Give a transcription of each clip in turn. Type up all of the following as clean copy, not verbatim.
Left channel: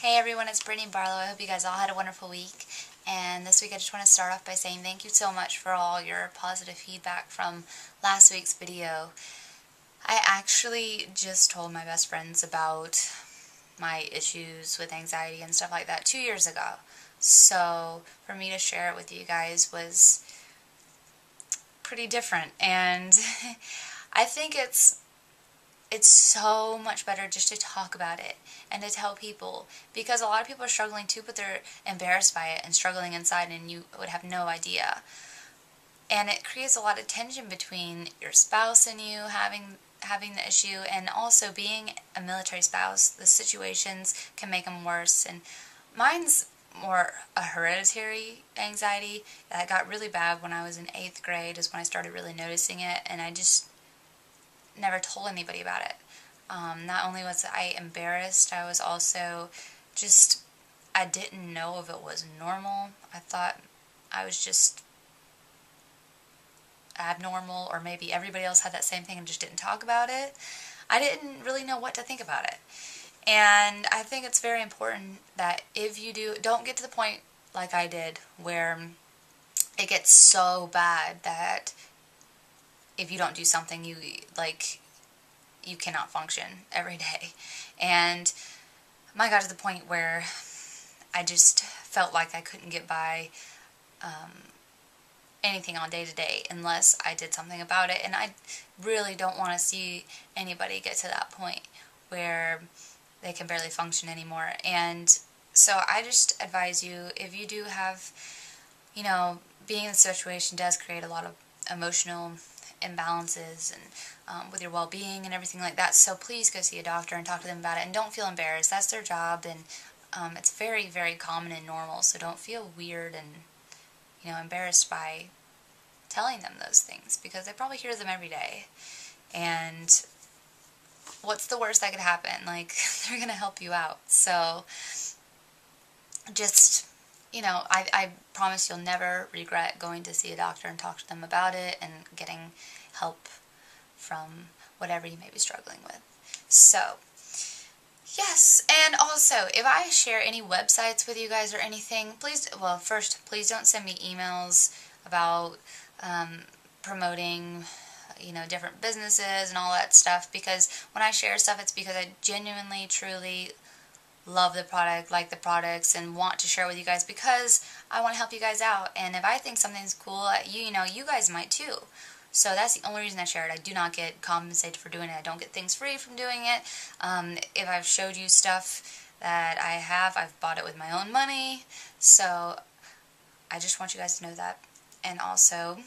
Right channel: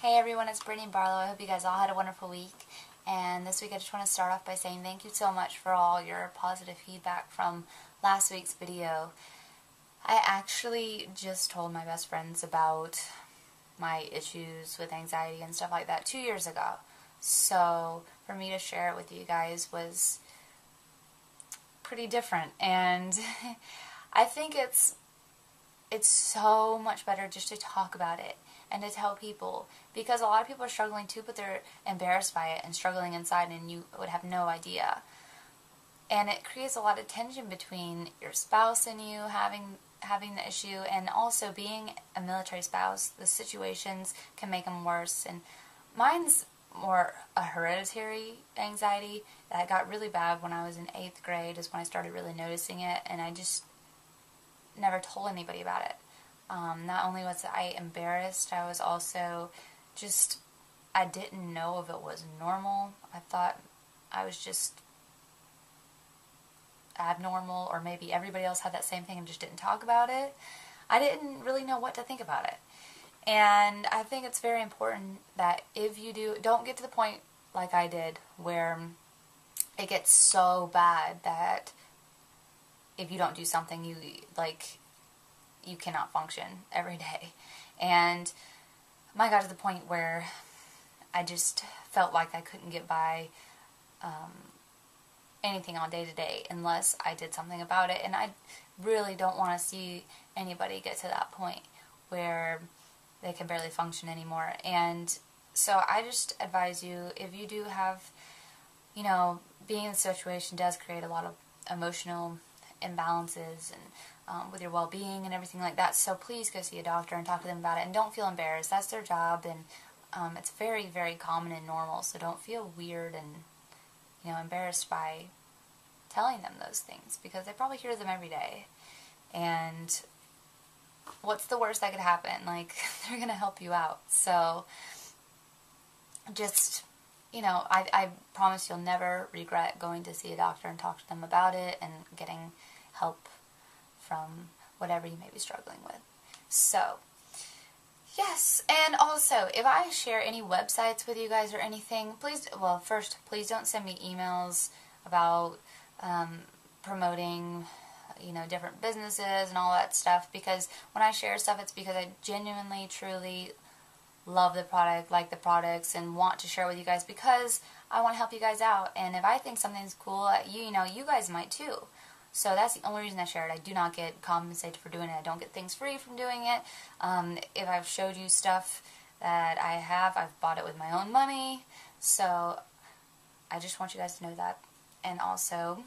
Hey everyone, it's Brittany Barlow. I hope you guys all had a wonderful week. And this week I just want to start off by saying thank you so much for all your positive feedback from last week's video. I actually just told my best friends about my issues with anxiety and stuff like that 2 years ago. So for me to share it with you guys was pretty different. And I think it's so much better just to talk about it and to tell people, because a lot of people are struggling too, but they're embarrassed by it and struggling inside, and you would have no idea. And it creates a lot of tension between your spouse and you having the issue, and also being a military spouse, the situations can make them worse. And mine's more a hereditary anxiety that got really bad when I was in 8th grade is when I started really noticing it, and I just never told anybody about it. Not only was I embarrassed, I was also just, I didn't know if it was normal. I thought I was just abnormal, or maybe everybody else had that same thing and just didn't talk about it. I didn't really know what to think about it. And I think it's very important that if you don't get to the point like I did where it gets so bad that if you don't do something, you cannot function every day. And I got to the point where I just felt like I couldn't get by anything on day to day unless I did something about it. And I really don't want to see anybody get to that point where they can barely function anymore. And so I just advise you, if you do have, being in the situation does create a lot of emotional imbalances and with your well-being and everything like that. So please go see a doctor and talk to them about it, and don't feel embarrassed. That's their job, and it's very, very common and normal. So don't feel weird and embarrassed by telling them those things, because they probably hear them every day. And what's the worst that could happen? They're gonna help you out. So just I promise you'll never regret going to see a doctor and talk to them about it and getting help from whatever you may be struggling with. So, yes, and also, if I share any websites with you guys or anything, please don't send me emails about promoting, different businesses and all that stuff, because when I share stuff, it's because I genuinely, truly love the product, like the products, and want to share with you guys because I want to help you guys out. And if I think something's cool, you guys might too. So that's the only reason I share it. I do not get compensated for doing it. I don't get things free from doing it. If I've showed you stuff that I've bought it with my own money. So I just want you guys to know that. And also,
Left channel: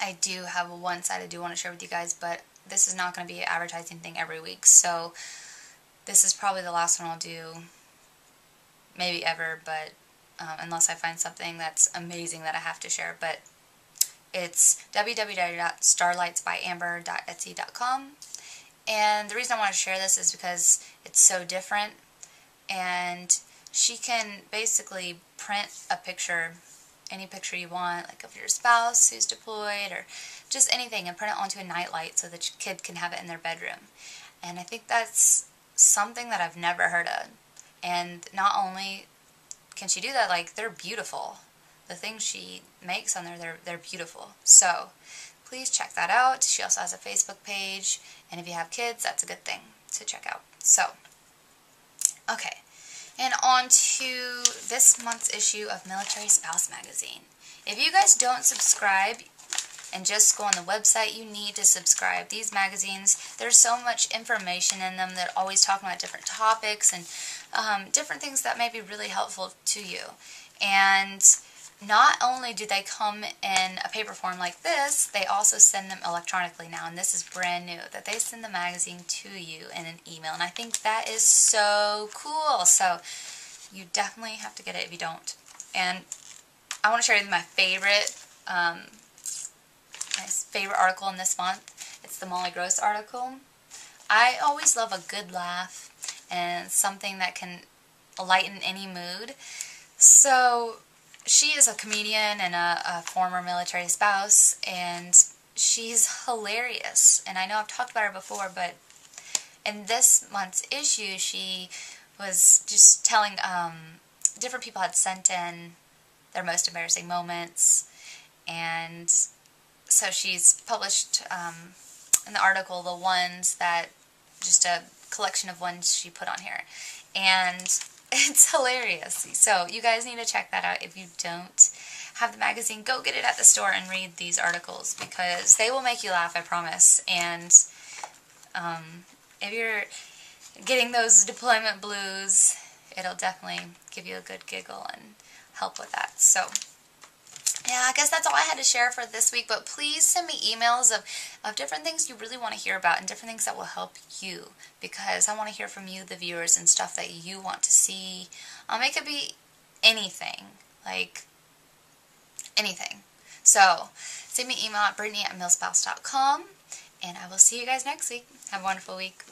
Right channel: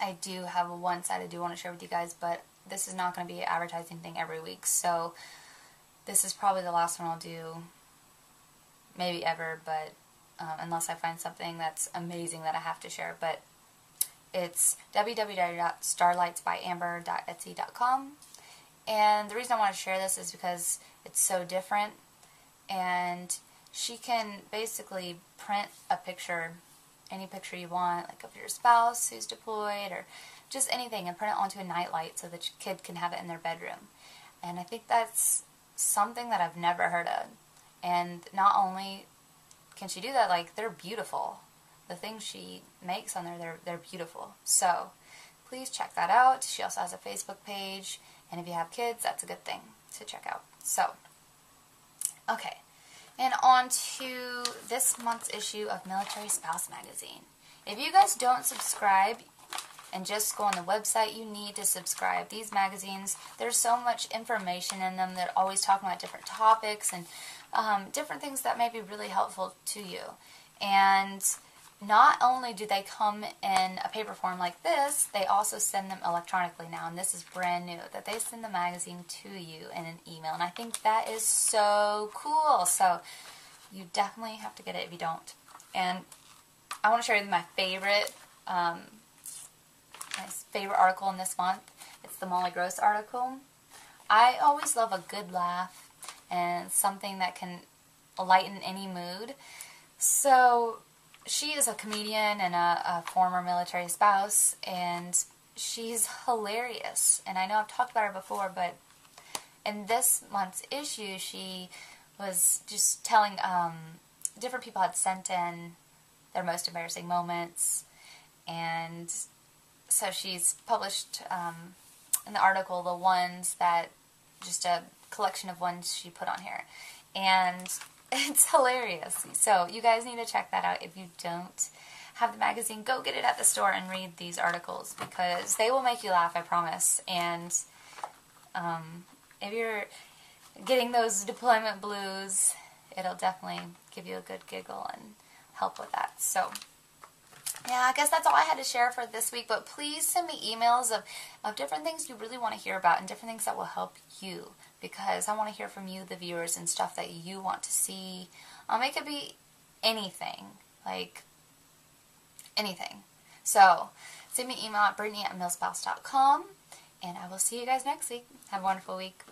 I do have one side I do want to share with you guys, but this is not going to be an advertising thing every week. So this is probably the last one I'll do, maybe ever, but unless I find something that's amazing that I have to share. But it's www.starlightsbyamber.etsy.com. And the reason I want to share this is because it's so different, and she can basically print a picture, any picture you want, like of your spouse who's deployed or just anything, and print it onto a nightlight so the kid can have it in their bedroom. And I think that's something that I've never heard of. And not only can she do that, they're beautiful. The things she makes on there, they're beautiful. So please check that out. She also has a Facebook page, and if you have kids, that's a good thing to check out. So, okay. And on to this month's issue of Military Spouse Magazine. If you guys don't subscribe and just go on the website, you need to subscribe. These magazines, there's so much information in them. They're always talking about different topics and different things that may be really helpful to you. And not only do they come in a paper form like this, they also send them electronically now, and this is brand new, that they send the magazine to you in an email, and I think that is so cool. So you definitely have to get it if you don't. And I want to share with you my favorite article in this month. It's the Molly Gross article. I always love a good laugh and something that can lighten any mood. So she is a comedian and a former military spouse, and she's hilarious. And I know I've talked about her before, but in this month's issue, she was just telling, different people had sent in their most embarrassing moments, and so she's published in the article the ones that, just a collection of ones she put on here, and it's hilarious. So you guys need to check that out. If you don't have the magazine, go get it at the store and read these articles, because they will make you laugh, I promise. And if you're getting those deployment blues, it'll definitely give you a good giggle and help with that. So yeah, I guess that's all I had to share for this week, but please send me emails of different things you really want to hear about and different things that will help you, because I want to hear from you, the viewers, and stuff that you want to see. It could be anything, like anything. So send me an email at brittany@millspouse.com, and I will see you guys next week. Have a wonderful week.